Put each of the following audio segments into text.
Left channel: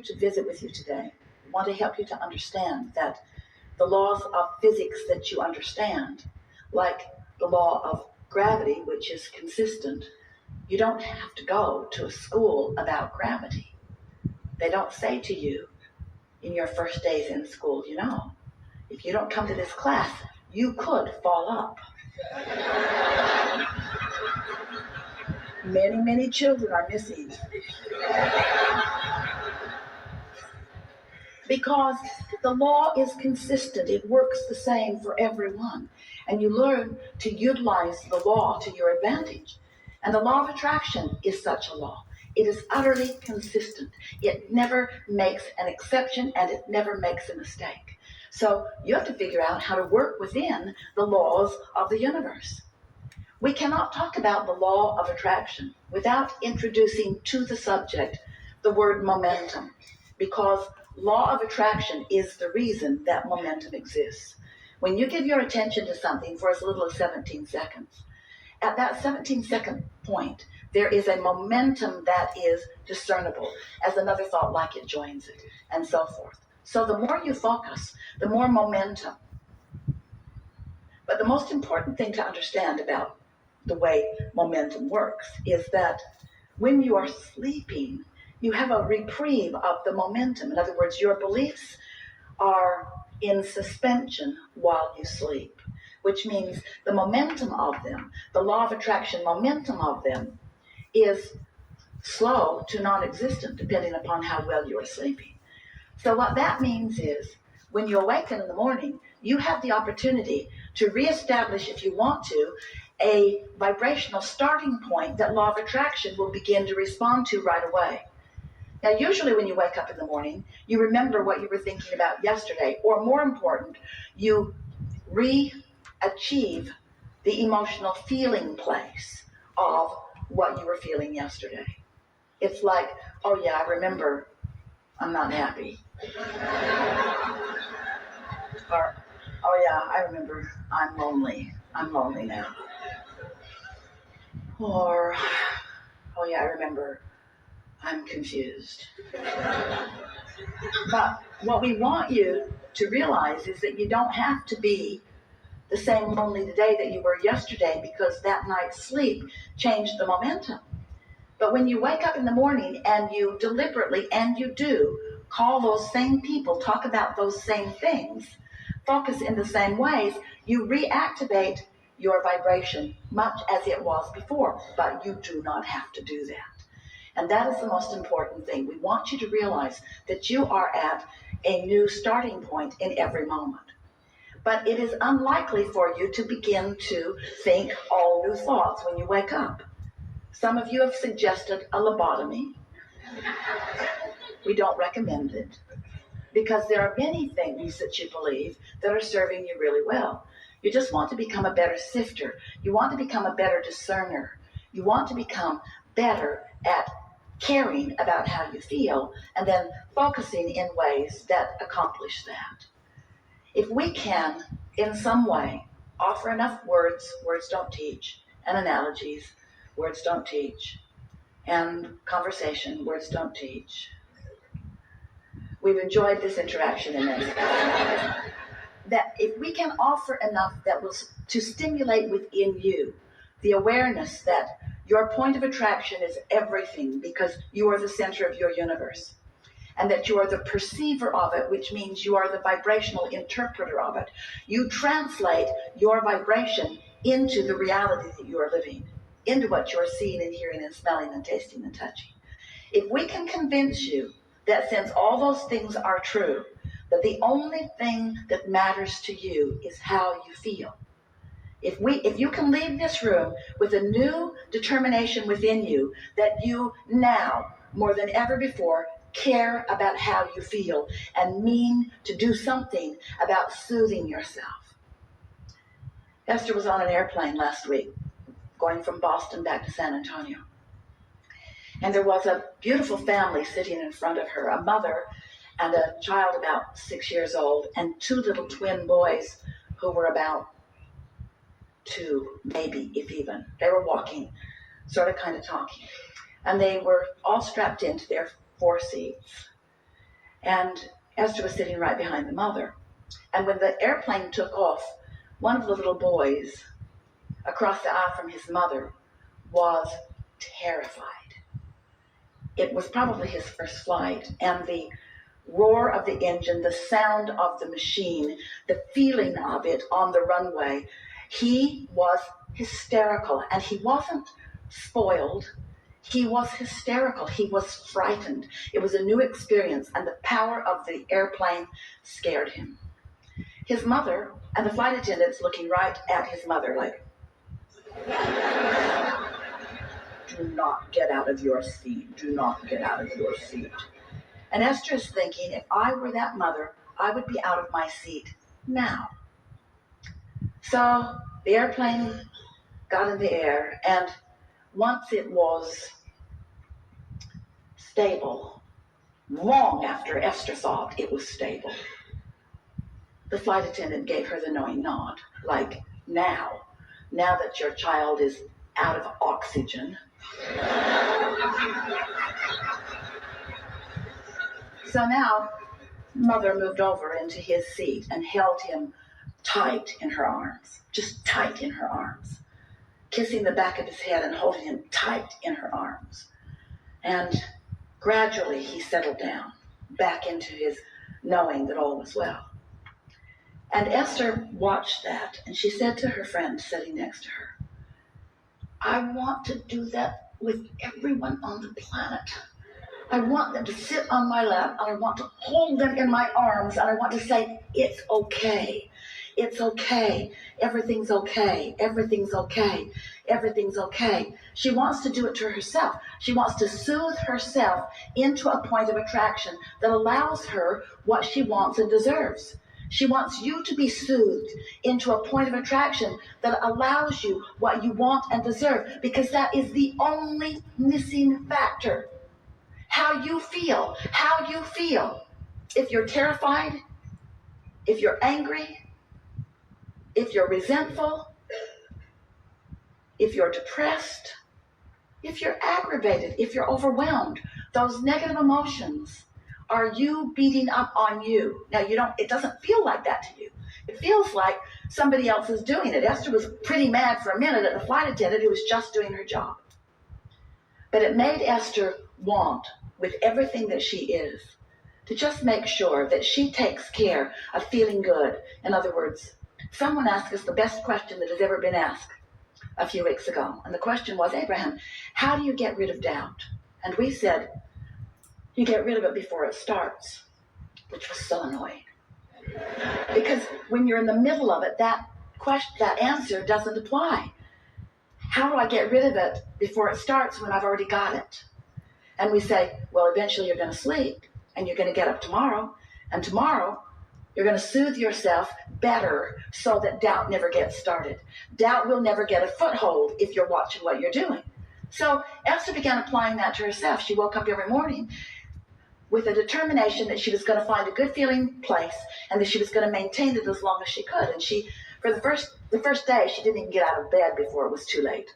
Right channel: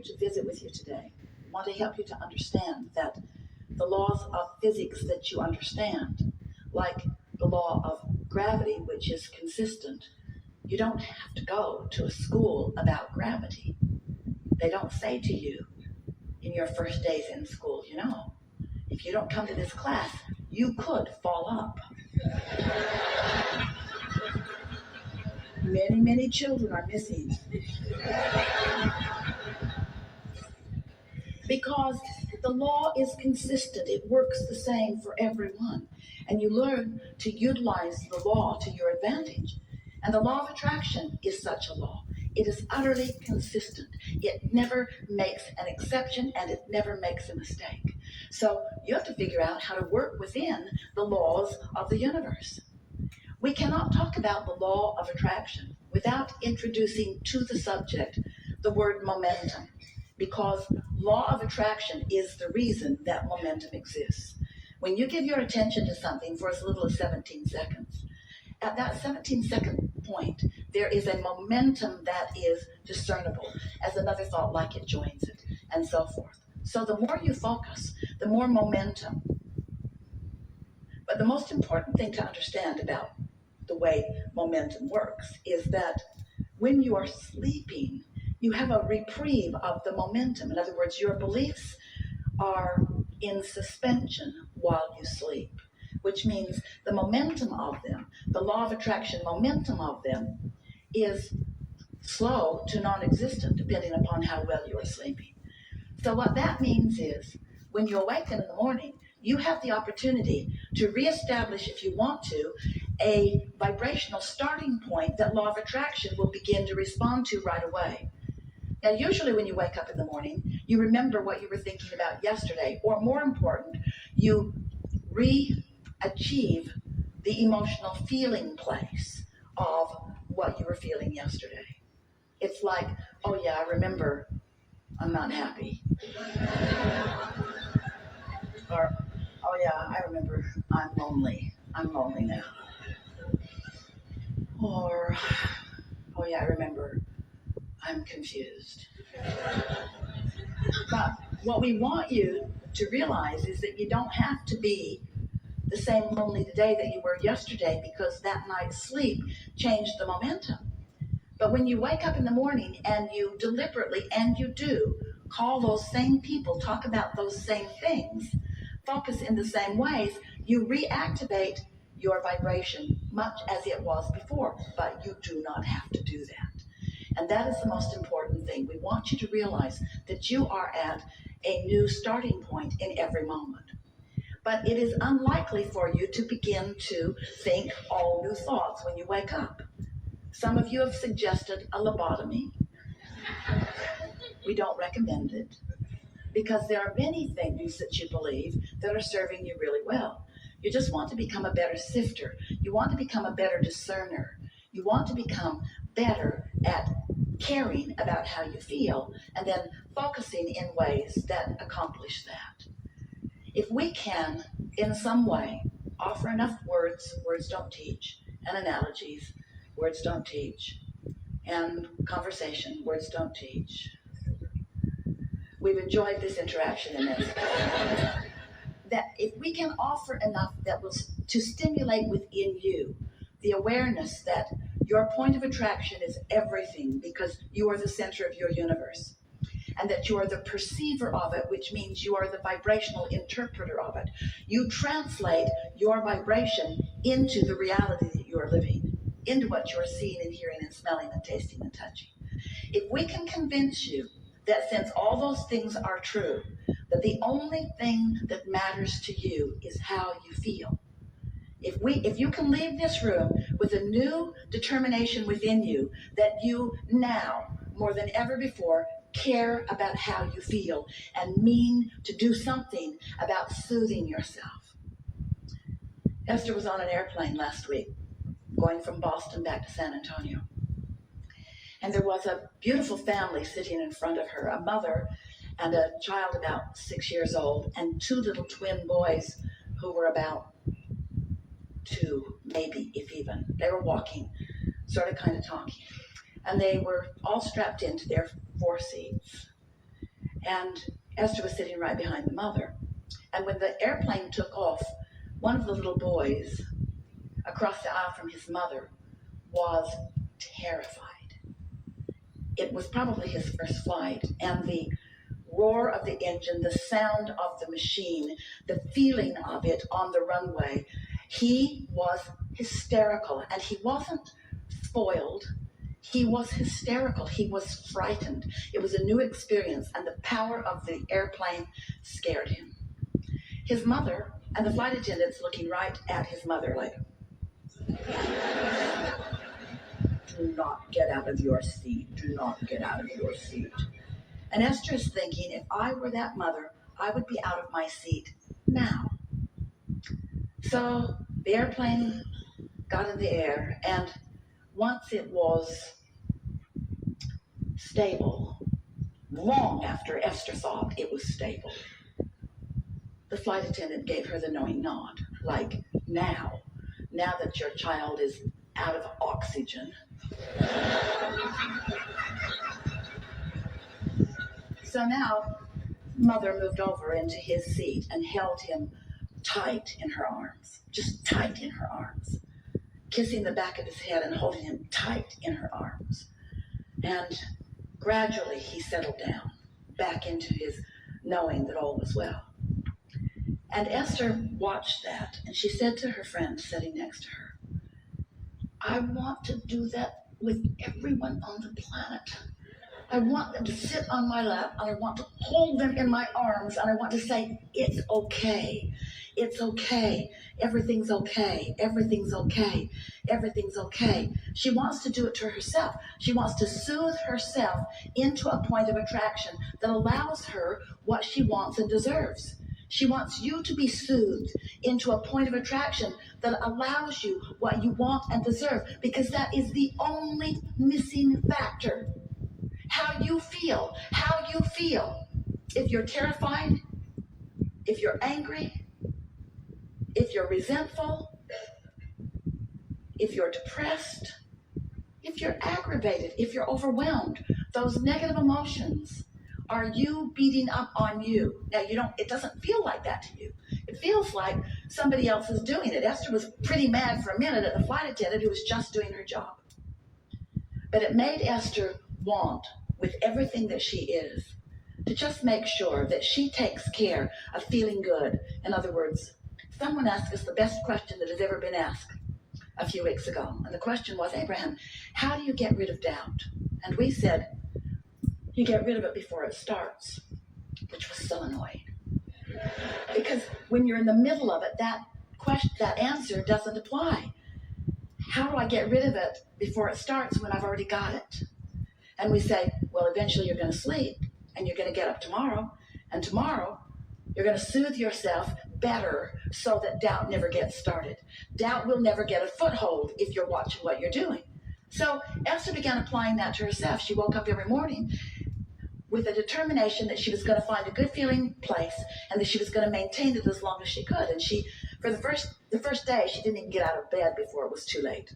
To visit with you today. I want to help you to understand that the laws of physics that you understand, like the law of gravity, which is consistent, you don't have to go to a school about gravity. They don't say to you in your first days in school, if you don't come to this class, you could fall up. Many, many children are missing because the law is consistent. It works the same for everyone. And you learn to utilize the law to your advantage. And the law of attraction is such a law. It is utterly consistent. It never makes an exception and it never makes a mistake. So you have to figure out how to work within the laws of the universe. We cannot talk about the law of attraction without introducing to the subject the word momentum, because law of attraction is the reason that momentum exists. When you give your attention to something for as little as 17 seconds, at that 17-second point, there is a momentum that is discernible as another thought like it joins it, and so forth. So the more you focus, the more momentum. But the most important thing to understand about the way momentum works is that when you are sleeping, you have a reprieve of the momentum. In other words, your beliefs are in suspension while you sleep, which means the momentum of them, the law of attraction momentum of them, is slow to non-existent depending upon how well you are sleeping. So what that means is when you awaken in the morning, you have the opportunity to reestablish, if you want to, a vibrational starting point that law of attraction will begin to respond to right away. Now, usually when you wake up in the morning, you remember what you were thinking about yesterday, or more important, you re-achieve the emotional feeling place of what you were feeling yesterday. It's like, oh yeah, I remember I'm not happy. Or, oh yeah, I remember I'm lonely. I'm lonely now. Or, oh yeah, I remember I'm confused. But what we want you to realize is that you don't have to be the same lonely today that you were yesterday, because that night's sleep changed the momentum. But when you wake up in the morning and you deliberately, and you do, call those same people, talk about those same things, focus in the same ways, you reactivate your vibration much as it was before, but you do not have to do that. And that is the most important thing. We want you to realize that you are at a new starting point in every moment. But it is unlikely for you to begin to think all new thoughts when you wake up. Some of you have suggested a lobotomy. We don't recommend it, because there are many things that you believe that are serving you really well. You just want to become a better sifter. You want to become a better discerner. You want to become better at caring about how you feel and then focusing in ways that accomplish that. If we can, in some way, offer enough words don't teach, and analogies, words don't teach, and conversation, words don't teach. We've enjoyed this interaction in this. That if we can offer enough that will to stimulate within you the awareness that your point of attraction is everything, because you are the center of your universe, and that you are the perceiver of it, which means you are the vibrational interpreter of it. You translate your vibration into the reality that you are living, into what you are seeing and hearing and smelling and tasting and touching. If we can convince you that since all those things are true, that the only thing that matters to you is how you feel. If you can leave this room with a new determination within you that you now, more than ever before, care about how you feel and mean to do something about soothing yourself. Esther was on an airplane last week, going from Boston back to San Antonio. And there was a beautiful family sitting in front of her, a mother and a child about 6 years old, and two little twin boys who were about 2, maybe, if even. They were walking, sort of kind of talking. And they were all strapped into their 4 seats. And Esther was sitting right behind the mother. And when the airplane took off, one of the little boys across the aisle from his mother was terrified. It was probably his first flight, and the roar of the engine, the sound of the machine, the feeling of it on the runway, he was hysterical. And he wasn't spoiled. He was hysterical. He was frightened. It was a new experience, and the power of the airplane scared him. His mother and the flight attendants looking right at his mother like, do not get out of your seat. Do not get out of your seat. And Esther is thinking, if I were that mother, I would be out of my seat now. So the airplane got in the air, and once it was stable, long after Esther thought it was stable, the flight attendant gave her the knowing nod, like, now that your child is out of oxygen. So now, mother moved over into his seat and held him tight in her arms, just tight in her arms, kissing the back of his head and holding him tight in her arms. And gradually he settled down back into his knowing that all was well. And Esther watched that, and she said to her friend sitting next to her, I want to do that with everyone on the planet. I want them to sit on my lap, and I want to hold them in my arms, and I want to say, it's okay. It's okay. Everything's okay. Everything's okay. Everything's okay. She wants to do it to herself. She wants to soothe herself into a point of attraction that allows her what she wants and deserves. She wants you to be soothed into a point of attraction that allows you what you want and deserve, because that is the only missing factor. How you feel. How you feel. If you're terrified, if you're angry, if you're resentful, if you're depressed, if you're aggravated, if you're overwhelmed, those negative emotions are you beating up on you. Now, it doesn't feel like that to you. It feels like somebody else is doing it. Esther was pretty mad for a minute at the flight attendant who was just doing her job. But it made Esther want, with everything that she is, to just make sure that she takes care of feeling good. In other words, someone asked us the best question that has ever been asked a few weeks ago. And the question was, Abraham, how do you get rid of doubt? And we said, you get rid of it before it starts, which was so annoying. Because when you're in the middle of it, that answer doesn't apply. How do I get rid of it before it starts when I've already got it? And we say, well, eventually you're going to sleep, and you're going to get up tomorrow, and tomorrow you're going to soothe yourself better so that doubt never gets started. Doubt will never get a foothold if you're watching what you're doing. So Esther began applying that to herself. She woke up every morning with a determination that she was going to find a good feeling place and that she was going to maintain it as long as she could. And she, for the first day, she didn't even get out of bed before it was too late.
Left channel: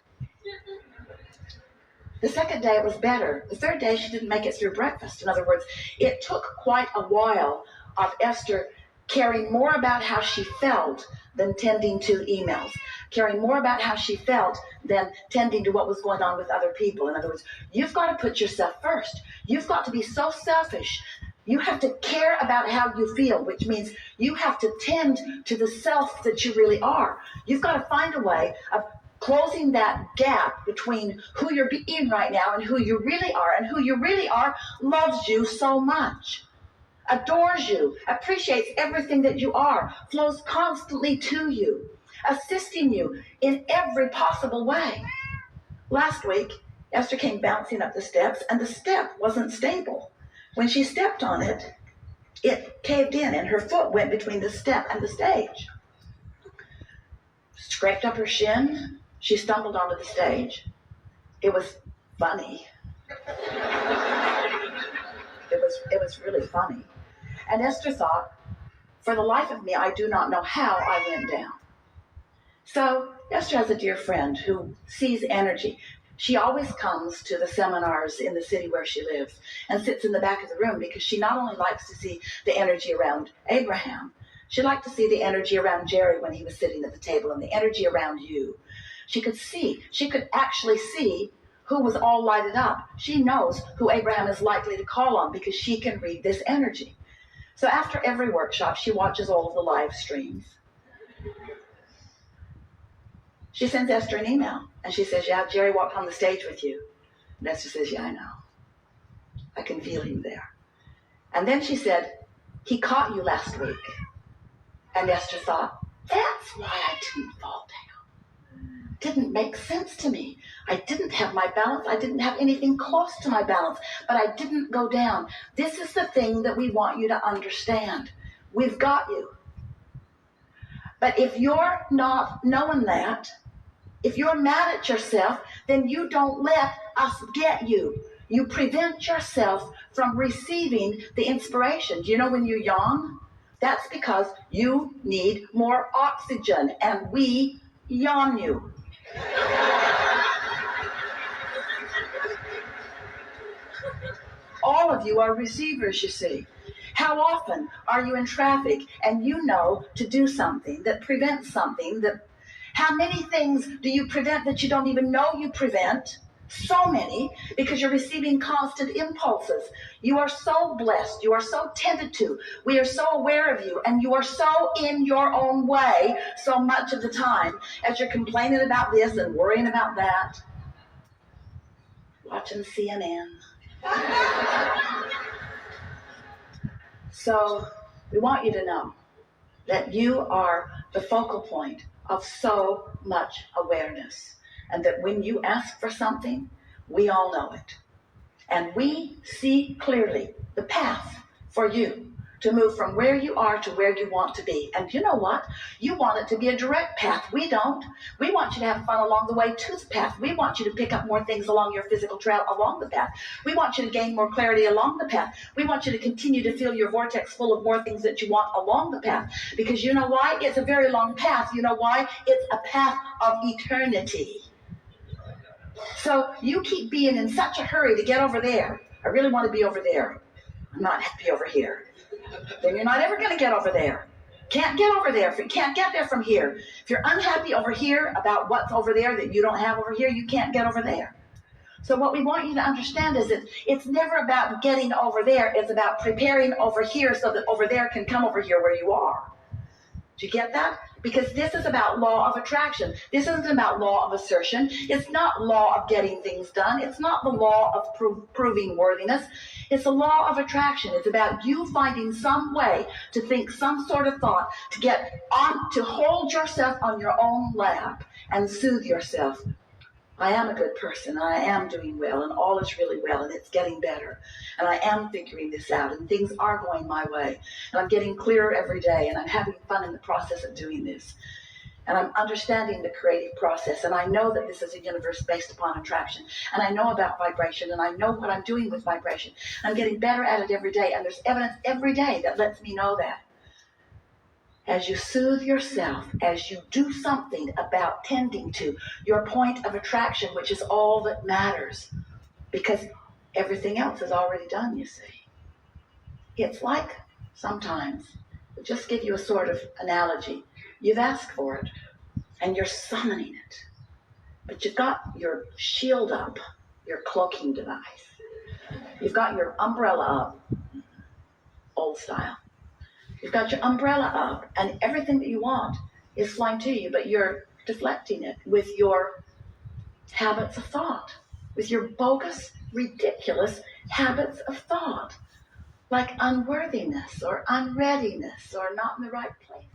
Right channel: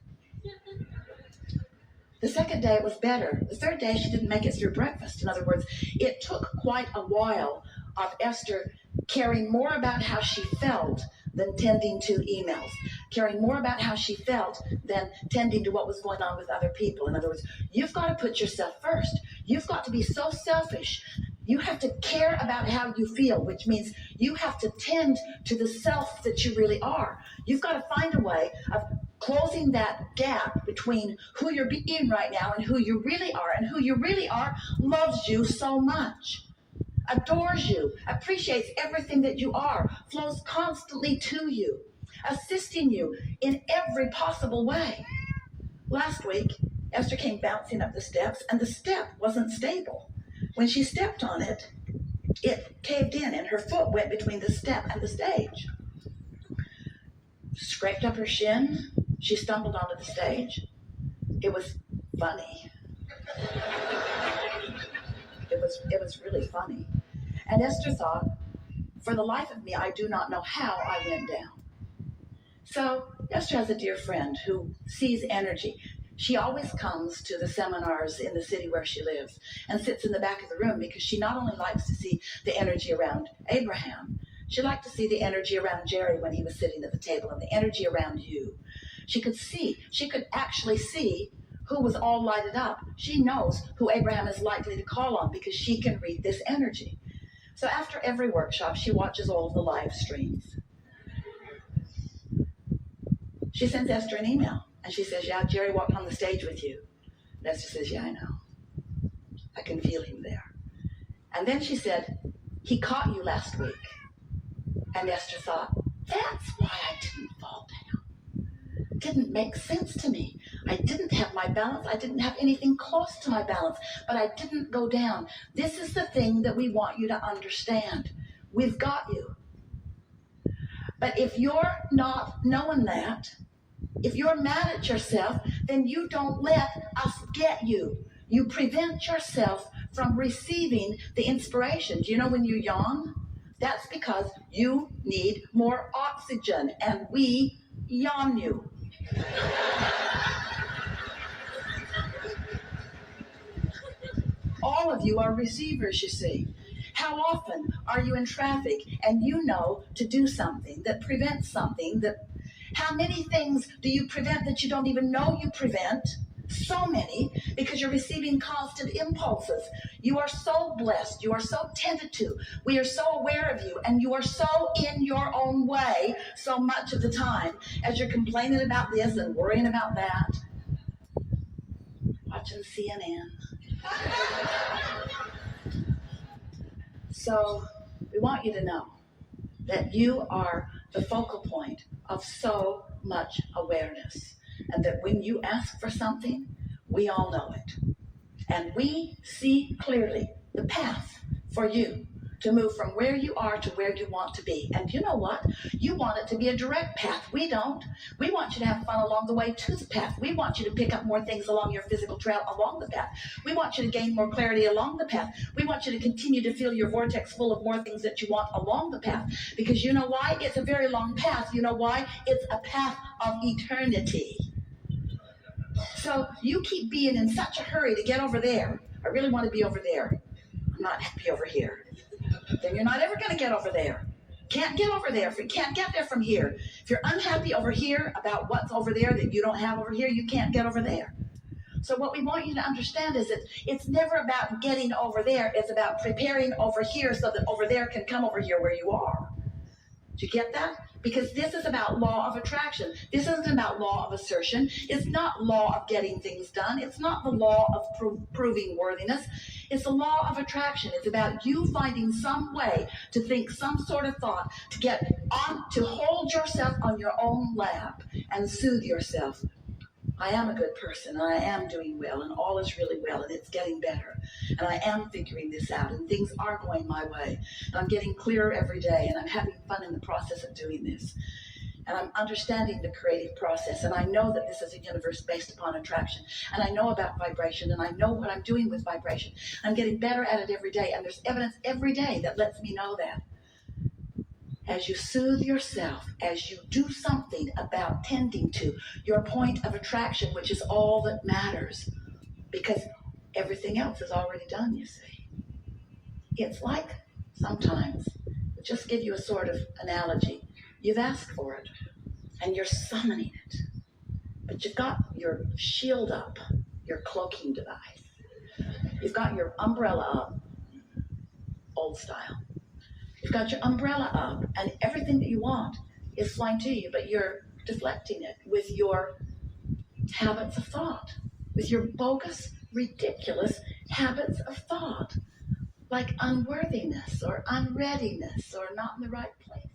The second day, it was better. The third day, she didn't make it through breakfast. In other words, it took quite a while of Esther caring more about how she felt than tending to emails, caring more about how she felt than tending to what was going on with other people. In other words, you've got to put yourself first. You've got to be so selfish. You have to care about how you feel, which means you have to tend to the self that you really are. You've got to find a way of closing that gap between who you're being right now and who you really are. And who you really are loves you so much, adores you, appreciates everything that you are, flows constantly to you, assisting you in every possible way. Last week, Esther came bouncing up the steps, and the step wasn't stable. When she stepped on it, it caved in, and her foot went between the step and the stage. Scraped up her shin, she stumbled onto the stage. It was funny. It was really funny. And Esther thought, for the life of me, I do not know how I went down. So Esther has a dear friend who sees energy. She always comes to the seminars in the city where she lives and sits in the back of the room because she not only likes to see the energy around Abraham, she liked to see the energy around Jerry when he was sitting at the table and the energy around you. She could actually see who was all lighted up. She knows who Abraham is likely to call on because she can read this energy. So after every workshop, she watches all of the live streams. She sends Esther an email, and she says, yeah, Jerry walked on the stage with you. And Esther says, yeah, I know. I can feel you there. And then she said, he caught you last week. And Esther thought, that's why I didn't fall down. It didn't make sense to me. I didn't have my balance. I didn't have anything close to my balance, but I didn't go down. This is the thing that we want you to understand. We've got you. But if you're not knowing that, if you're mad at yourself, then you don't let us get you. You prevent yourself from receiving the inspiration. Do you know when you yawn? That's because you need more oxygen, and we yawn you. All of you are receivers, you see. How often are you in traffic and you know to do something that prevents something that... How many things do you prevent that you don't even know you prevent? So many, because you're receiving constant impulses. You are so blessed. You are so tended to. We are so aware of you, and you are so in your own way so much of the time as you're complaining about this and worrying about that. Watching CNN. So we want you to know that you are the focal point of so much awareness, and that when you ask for something, we all know it. And we see clearly the path for you to move from where you are to where you want to be. And you know what? You want it to be a direct path. We don't. We want you to have fun along the way to the path. We want you to pick up more things along your physical trail along the path. We want you to gain more clarity along the path. We want you to continue to fill your vortex full of more things that you want along the path. Because you know why? It's a very long path. You know why? It's a path of eternity. So you keep being in such a hurry to get over there. I really want to be over there. I'm not happy over here. Then you're not ever going to get over there. Can't get over there. If you can't get there from here. If you're unhappy over here about what's over there that you don't have over here, you can't get over there. So what we want you to understand is that it's never about getting over there. It's about preparing over here so that over there can come over here where you are. Do you get that? Because this is about law of attraction. This isn't about law of assertion. It's not law of getting things done. It's not the law of proving worthiness. It's the law of attraction. It's about you finding some way to think some sort of thought, to get on, to hold yourself on your own lap and soothe yourself. I am a good person, and I am doing well, and all is really well, and it's getting better. And I am figuring this out, and things are going my way. And I'm getting clearer every day, and I'm having fun in the process of doing this. And I'm understanding the creative process, and I know that this is a universe based upon attraction. And I know about vibration, and I know what I'm doing with vibration. I'm getting better at it every day, and there's evidence every day that lets me know that. As you soothe yourself, as you do something about tending to your point of attraction, which is all that matters, because everything else is already done, you see. It's like sometimes, I'll just give you a sort of analogy. You've asked for it, and you're summoning it, but you've got your shield up, your cloaking device. You've got your umbrella up, old style. You've got your umbrella up, and everything that you want is flying to you, but you're deflecting it with your habits of thought, with your bogus, ridiculous habits of thought, like unworthiness or unreadiness or not in the right place.